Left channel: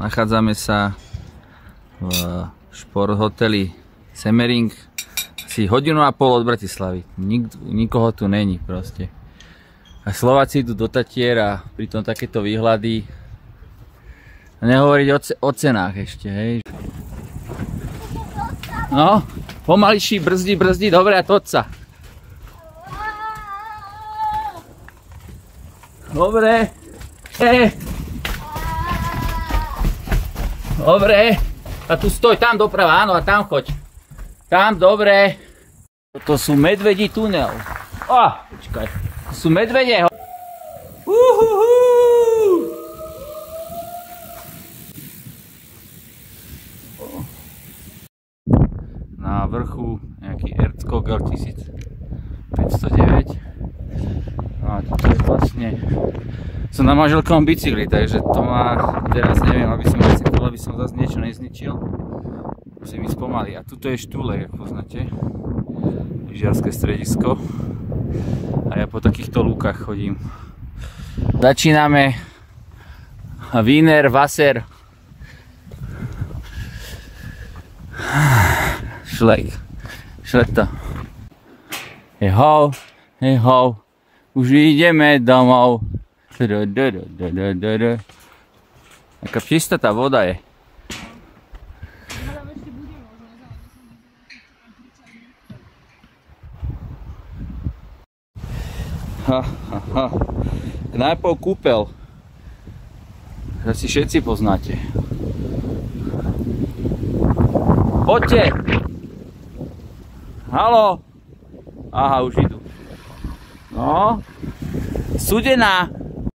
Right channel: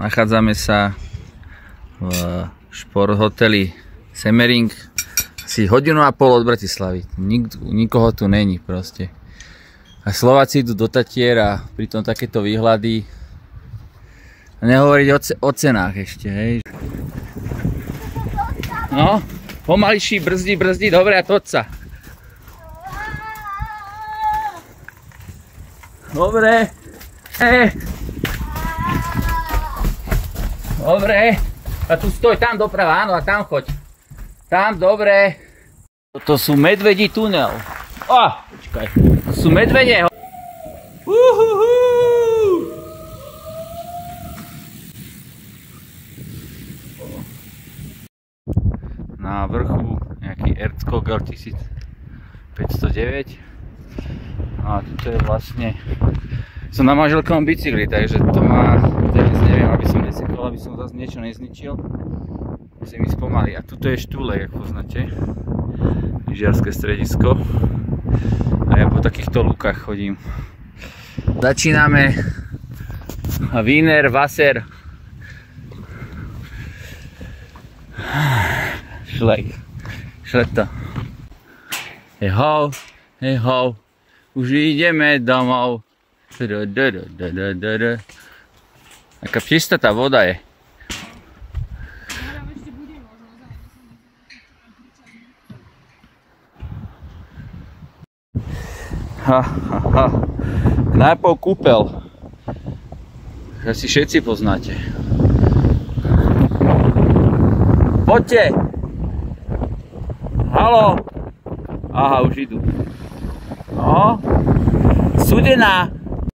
Nachádzame sa v šport hoteli Semmering, asi 1,5 hodiny od Bratislavy. Nikoho tu není proste. A Slováci idú do Tatier a pritom takéto výhľady. Nehovoriť o cenách ešte, hej. No, pomaličší, brzdi, dobre, a toď sa. Dobre, dobre, a tu stoj, tam doprava, áno, a tam choď. Tam, dobre. Toto sú medvedí tunel. Počkaj, to sú medvede. Na vrchu nejaký Erzkogel 1509. A toto je vlastne... Som na manželkovom bicykli, takže to má... Teraz neviem, aby som bicykl, aby som zase niečo nezničil. Musím ísť pomaly. A tuto je Štúlek, ako poznáte. Lyžiarske stredisko. A ja po takýchto lúkach chodím. Začíname Wiener Wasser Šlekto. Hej ho, už ideme domov. Taká čistá tá voda je. Knajpov Kúpel. Asi všetci poznáte. Poďte! Haló! Aha, už idú. No. Studená.